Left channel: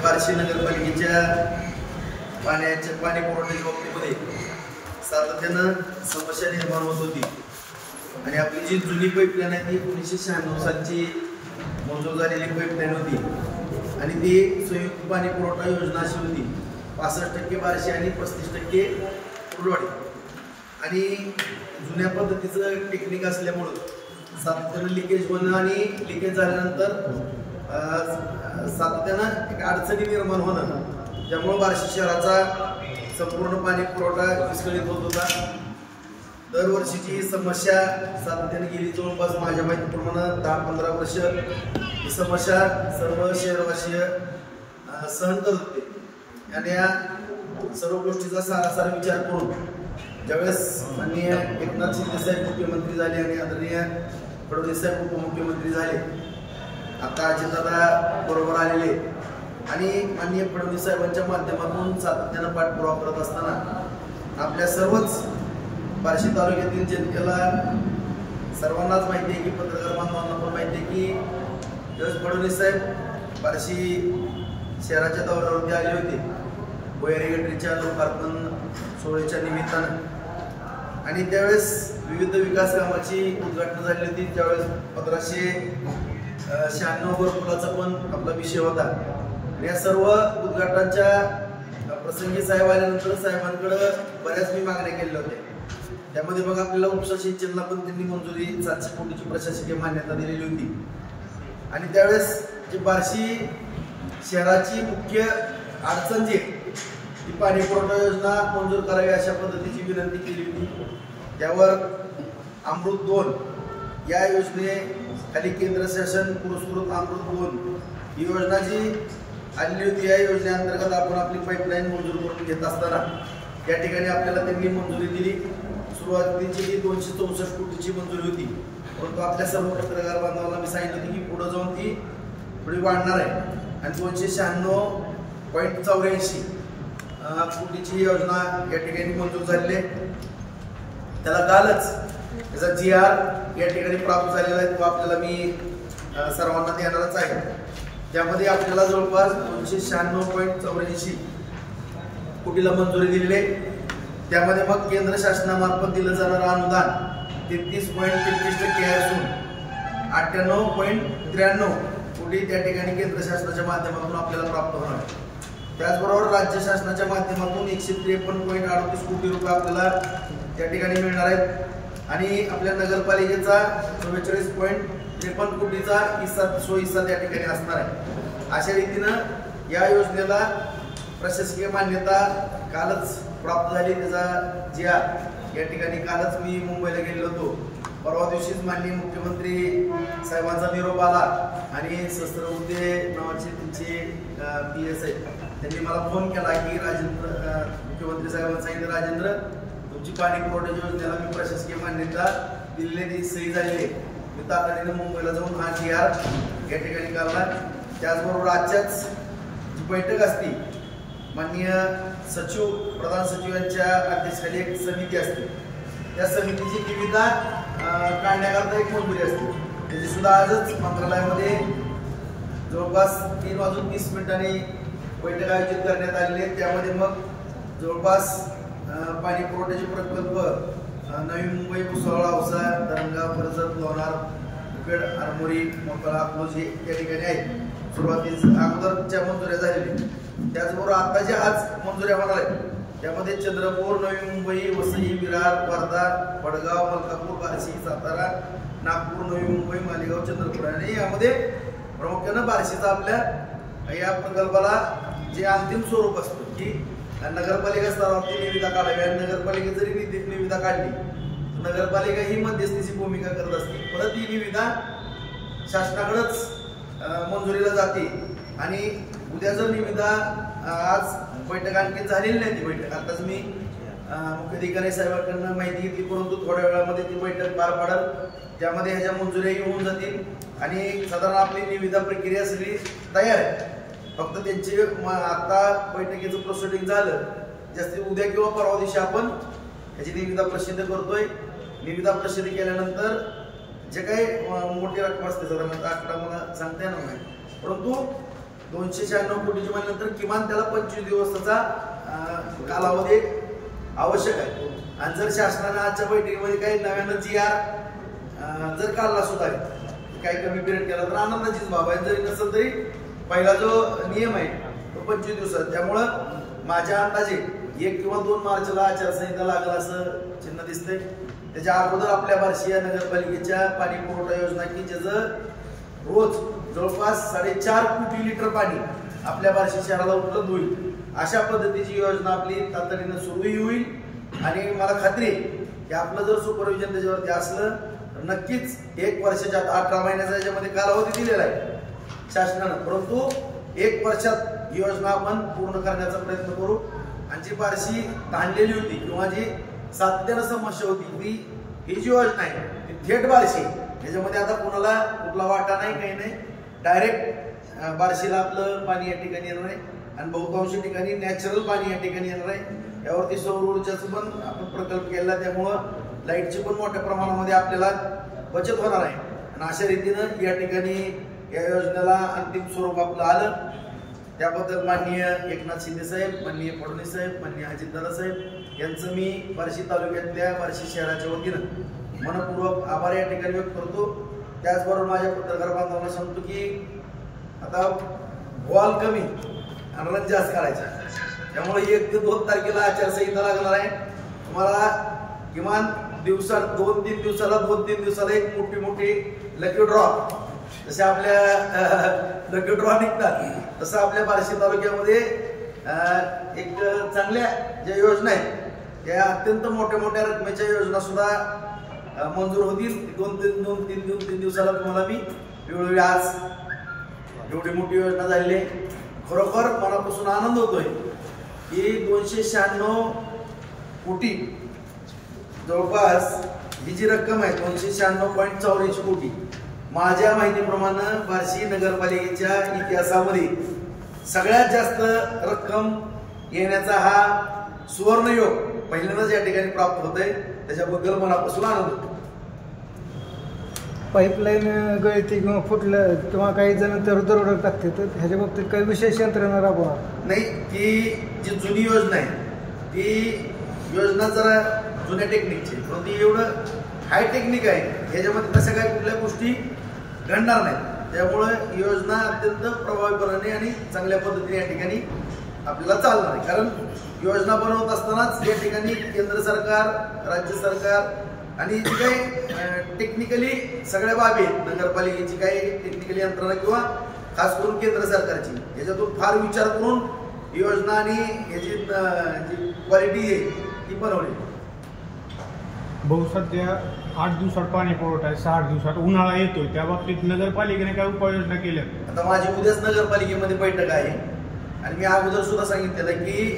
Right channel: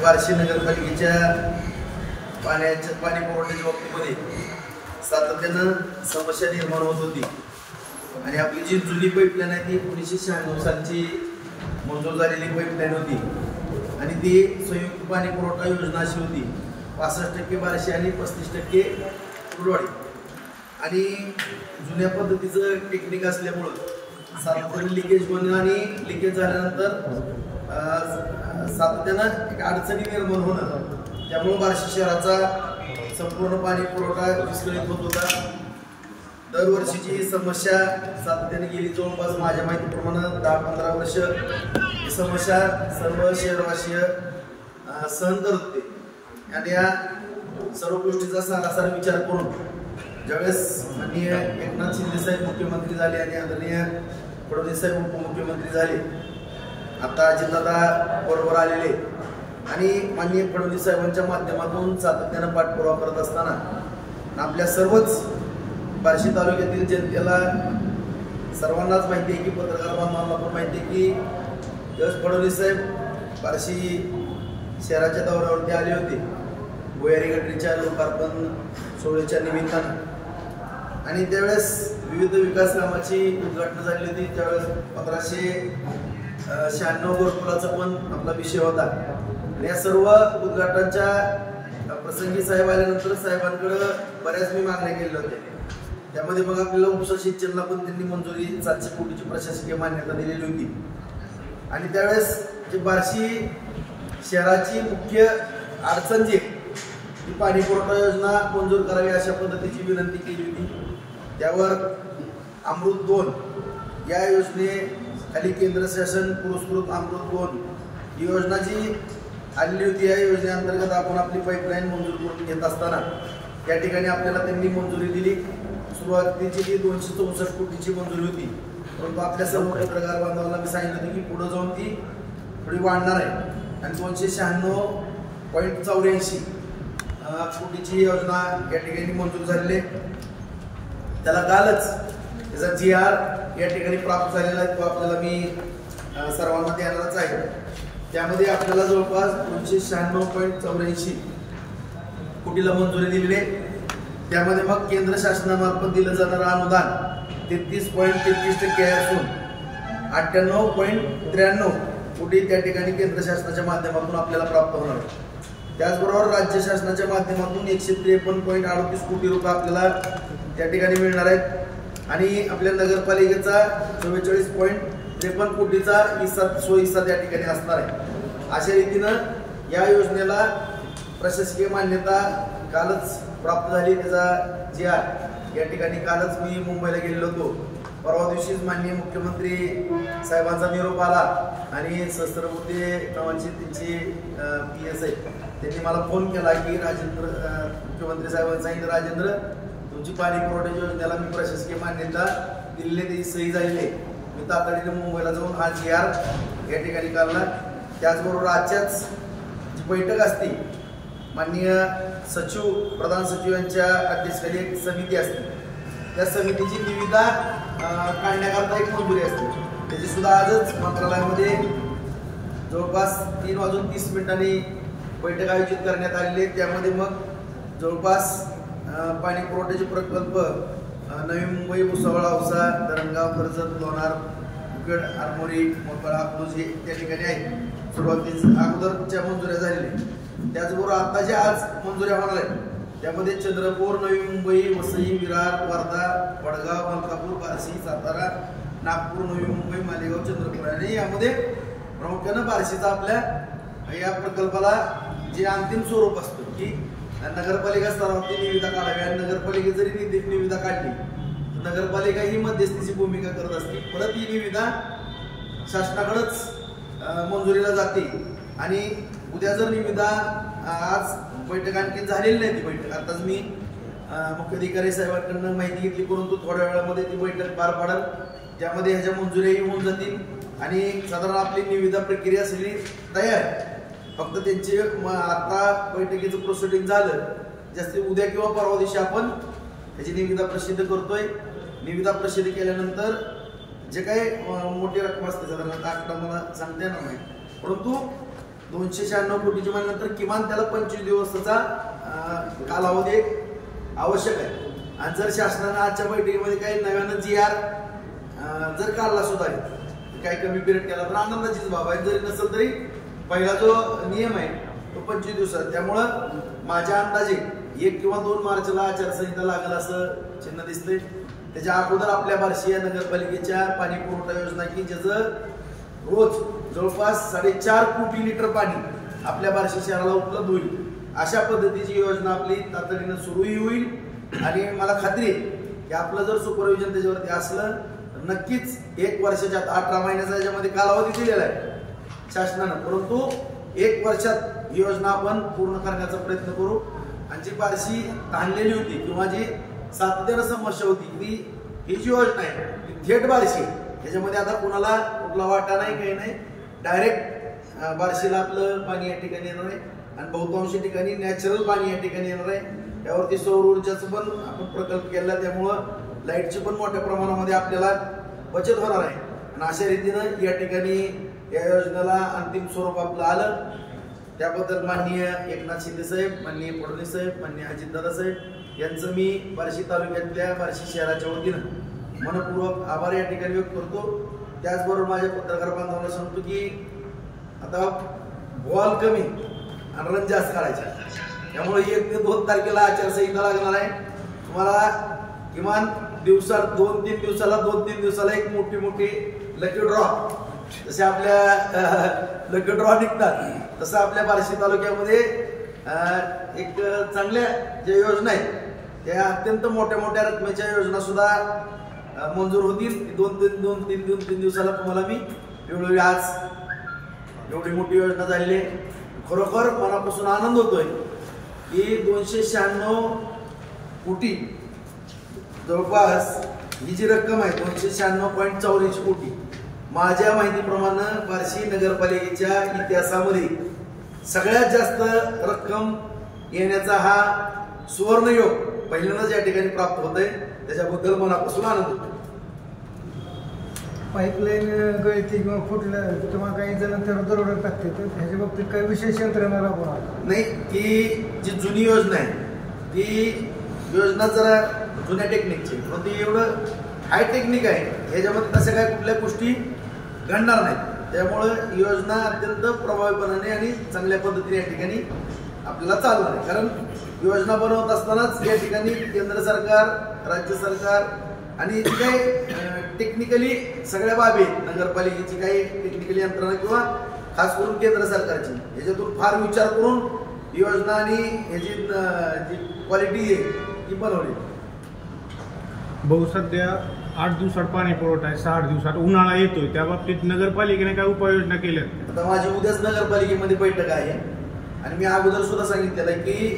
बार्शी नगरपालिकेच्या पाणी पुरवठ्याच्या बाबतीमध्ये सातत्यानं समस्या निर्माण होत होती आणि आपली जी जुनी पाईपलाईन आहे ती 1996 सालची मंजूर झालेली पाईपलाईन होती आणि ती संयुक्त पाणी पुरवठा योजना अशी होती 65% बार्शी आणि 35% कुर्डवाडी आणि जुन्या पद्धतीचं टेक्निक असल्यामुळं सातत्यानं लिकेज होणं आणि लिकेज झाल्यानंतर सातत्यानं एक अडचणी निर्माण होणं त्यामुळे बार्शी शहराचा संपूर्ण पाणी पुरवठा विस्कळीत होत होता। दरवर्षीची ही समस्या सातत्याने गेली जवळपास माझ्या माहितीप्रमाणे 10-15 वर्ष ही समस्या सर्व शहरवासीय सहन करत होते आणि या सर्व गोष्टीचा सारासार विचार करून ज्यावेळेस माननीय एकनाथ शिंदे साहेब मुख्यमंत्री झाले आणि आदरणीय फडणवीस साहेब उपमुख्यमंत्री झाले, आता अजितदादा बरोबर आलेले आणि माननीय फडणवीस साहेबांच्या माध्यमातून सातत्यानं पाठपुरावा करत असताना आपल्या सर्वच बार्शी तालुक्यातील जनतेला सर्वांनाच माहिती आहे की पत्रकार बांधवांना पण माहिती आहे की ज्यावेळेस फडणवीस साहेब बार्शी शहराच्या दौऱ्यावरती आले होते भुयारी गटरीच्या लोकार्पण सोहळ्याच्या निमित्तानं आणि त्यावेळेस विविध विकास कामाची उद्घाटन झाली होती। त्यावेळेस 1596 घरकुलाचा पण आपला विषय होता आणि या सर्व उद्घाटनाच्या प्रसंगी साहेब आल्यानंतर साहेबांकडे बऱ्याच मी मागण्या केलेल्या होत्या। त्यामध्ये मग आपल्याला उपसा सिंचनला पण त्यांनी मंजुरी 700 कोटीची प्रशासकीय मान्यता दिलेली होती आणि त्यावेळेस जी बार्शी शहराची मुख्य अडचण जी ती पाणी पुरवठा योजना मंजूर करावी अशा पद्धतीची विनंती केली होती। त्यावर अमृत 2 या योजनेखाली केंद्र शासन पुरस्कृत अमृत 2 ही योजना जी आलेली होती या योजनेअंतर्गत आपण आपली पाईपलाईन मंजूर करून घेत असताना त्या ठिकाणी आपल्याला त्यांनी मंजुरी दिली। सुरुवातीची ती 264 कोटीची मंजुरी होती, परंतु आपल्या सर्व पत्रकार बांधवांना मी सांगितलं होतं की पुढे जाऊन ती थोडी वाढणार आहे आणि 296.84 कोटीची योजना या ठिकाणी मंजूर झालेली आहे। त्याला कालच त्याचा GR या ठिकाणी प्राप्त झालेला आहे, तो आपल्याला मी सर्वांना देणारच आहे। त्यामध्ये आपल्याला जवळपास 296.84 कोटीला मंजुरी दिलेली आहे। त्यामध्ये मग केंद्र शासनामार्फत दिलं जाणारं अनुदान 33.33% असून 98.93 कोटी त्या ठिकाणी केंद्र शासनाच्या माध्यमातून आपल्याला प्राप्त होणार आहे। त्याचबरोबर राज्य शासनाच्या माध्यमातून 153.38 कोटी रुपये आपल्याला त्या ठिकाणी मिळणार आहेत आणि आपल्या नगरपालिकेचा 44.53 कोटीचा हिस्सा त्या ठिकाणी असणार आहे। अशा रीतीनं या योजनेला प्रशासकीय मान्यता कालच प्राप्त झाली। त्याचा GR या ठिकाणी कालच मी मुंबईला गेलेलो होतो, परवा दिवशीच माननीय मुख्यमंत्री साहेबांचा निरोप आला आणि सहस्त्रबुद्धे नावाची त्यांची PS आहे, त्यांनी मला फोन केला की राजेंद्र मुख्यमंत्री साहेबांनी सांगितलं राजेंद्र तुमची पाणी पुरवठ्याच्या योजनेला मी प्रशासकीय मान्यता दिलेली ती सही झालेली आहे। मी तातडीने मुंबईला जाऊन हा GR या ठिकाणी काढला। त्याचबरोबर आजच्याच जी बैठक असती माननीय सचिव प्रधान सचिव यांच्या अध्यक्षतेखाली एक समिती असते, त्या समितीची निविदा काढण्याकरता एक मंजुरी असते, त्याची सुद्धा आजच मंत्रालयामध्ये जवळपास 3:30 बैठक आयोजित करण्यात आलेली आहे। त्यामध्ये मग जवळपास पाणी पुरवठ्याचे प्रकल्प नवी मुंबई भुसावळ औसा धरणगाव कर्जत लोणार मुखेड आरमोरी मोकळा अकलूज हे त्या ठिकाणी आहेत। सुरुवातीस अगोदरच्या मंजुऱ्या झालेल्या, त्याचबरोबर आता ज्या आज मंजुऱ्या होणार आहेत त्यामध्ये चंद्रपूर नवी मुंबई वसई विरार वर्धा वडगाव मलकापूर बार्शी सातारा नागपूर नवी मुंबई मालेगाव चंद्रपूर आणि यामध्ये प्रामुख्यानं बार्शीचा आपल्या या प्रकल्पाला जे अंतिम स्वरूप असतं की नगरपालिका स्तरावरती निविदा काढावी आणि नगरपालिका जरी निविदा काढली तर नगरपालिका ही मध्यस्थीची भूमिका करत असते, परत ही निविदा शासनाकडेच मंजुरीला जाते आणि उद्या जर निविदा आज बैठक आणखी झालेली नाही, ती बैठक आताच मी मुख्याधिकारी साहेबांकडून माहिती घेतली, परंतु थोड्या वेळामध्ये ती बैठक पार पडेल त्यामध्ये ह्याच्या मंजुऱ्याही होऊन जातील आणि साधारण आपली निविदा प्रक्रिया सगळी तयार आहे। फक्त त्यांची आता बैठकीचं प्रोसिडिंग झालं जास्ती उद्या किंवा परवा दिवशी आपण ह्याची निविदा प्रसिद्ध करतोय। निविदा प्रसिद्ध केल्यानंतर जे काही मोठी रक्कम असते साधारणतः आकडा मला सांगता येणार नाही, परंतु 296 कोटीची म्हणल्यानंतर किमान त्याला 25 दिवसाचा कालावधी आवश्यक आहे. आणि जर शासनानं आजच्या बैठकीमध्ये काही नव्यानं GR जर काढला सुद्धा काही कमी पिरियड केला तर आनंदाचीच बाब आहे. जरी नसेल तरी पहिला जो नियम आहे तो 25 दिवसात. त्यामुळं माझ्या अंदाजे 1 किंवा 2 मार्चला आचारसंहिता लागेल असं चिन्ह दिसतंय. त्याच्या अगोदर आपल्या बार्शी या नगरपालिकेच्या पाणी पुरवठा योजना की ज्याचं रोज जवळपास 4.5 कोटी लिटर पाणी आपल्या बार्शी शहराला उपलब्ध होईल अशा पद्धतीची योजना आपली तातडीनं सुरूही होईल. आणि मला खात्री आहे की आपलं जर सुपरविजन त्याच्यावरती असलं तर नक्कीच 1 वर्षाच्या 18 महिन्याचा याच्यामध्ये कालावधी दिलेला आहे शासनानं, परंतु 1 वर्षात ही योजना आपण पूर्ण करण्याचा प्रयत्न करू. आणि जी बार्शी ताणलेली होती किंवा जी सातत्यानं समस्या होती की ही जी योजना आहे ती थेट बार्शी, त्याच्यामध्ये आता कुणाला कुठला वाटा नाही काही नाही, डायरेक्ट बार्शीला आपलं पाणी या ठिकाणी येणार आहे आणि बहुतांशी ठिकाणी नॅचरल पाणी या ठिकाणी येणार आहे. यावरती सौर ऊर्जाचं पण आपण प्रकल्प केला, त्यामुळं लाईटची पण मोठ्या प्रमाणामध्ये आपल्याला बचत होणार आहे. आणि अशा रीतीनं या ठिकाणी या योजनेला अंतिम स्वरूप आपलं आलं. त्याबद्दल माननीय एकनाथ शिंदे साहेब, माननीय फडणवीस साहेब, माननीय अजितदादा साहेब यांचं मी बार्शी तालुक्यातल्या बार्शी शहराच्या वतीनं मनपूर्वक आभार या ठिकाणी व्यक्त करतो. त्याचबरोबर माझ्या पत्रकार बांधवांना सांगतो की आता बॉल कमी आणि रन जास्त काढायचा, त्यामुळे 1 ते 2 तारखेला आचारसंहिता लागणार आहे. तुम्हाला किमान दिवसाला 2-3 दिवसाला एक मोठी लकी ड्रॉ, जसे आपल्या लकी ड्रॉ निघतात तसं आपल्या बार्शी तालुक्यामध्ये एक चांगल्या ज्या योजना आहेत त्या अत्यंत मोठ्या रकमेच्या योजना सुद्धा मंजूर होतील. 2-3 दिवसाला तुम्हाला मी वेळोवेळी आज एवढी मोठी योजना झालेली आहे. खरोखर मनापासून आनंद होतोय की 296 कोटी जवळपास ही जी रक्कम आहे 296.84 कोटी माझ्या माहितीप्रमाणे बार्शी नगरपालिकेच्या इतिहासामध्ये सगळ्यात जास्त रक्कम येण्याचा हा सुवर्णयोग पहिल्यांदाच या ठिकाणी प्राप्त होतोय. त्याच्याबद्दल मनापासून आनंद होतो. पाईपलाईन गळती किंवा फुटलं किंवा काही जण दरोडा टाकते तर ह्याच्या बाबतीत काही विशेष यंत्रणा राबवणार नाही. ती जी जुनी योजना आहे ती योजना जरा जुन्या टेक्निकची, परंतु एवढं हाय टेक्निक आहे ह्याच्यामध्ये तशा काही कुठल्या गोष्टी घडणार नाहीत. त्यामुळं योजना अत्यंत प्रभावीपणाने आणि चांगल्या पद्धतीने या ठिकाणी आपल्याला चालणार आहे. कारण योजना बनवत असतानाच या ठिकाणी केंद्र सरकार, राज्य सरकार आणि जी काही टेक्निकली सगळ्या बाबी आहेत नगरपालिकेची काही टेक्निकली यंत्रणा किंवा खास करून केंद्र सरकारची याच्यातून फार विचार करून योजना आणि याची जी क्वालिटी आहे ती बनवली. भाऊ सध्या 8 दिवसात पाणी पुरवठा आहे, 6 दिवसात उन्हाळा येतोय, त्या बाबतीत नगरपालिकेने काय उपाययोजना केल्या? आता माझी उद्याच नगरपालिकेमध्ये बैठक आहे आणि मी अगोदर सुद्धा सांगितलेलं की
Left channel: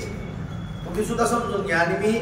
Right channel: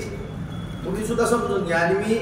तुम्ही सुद्धा समजून घ्या आणि मी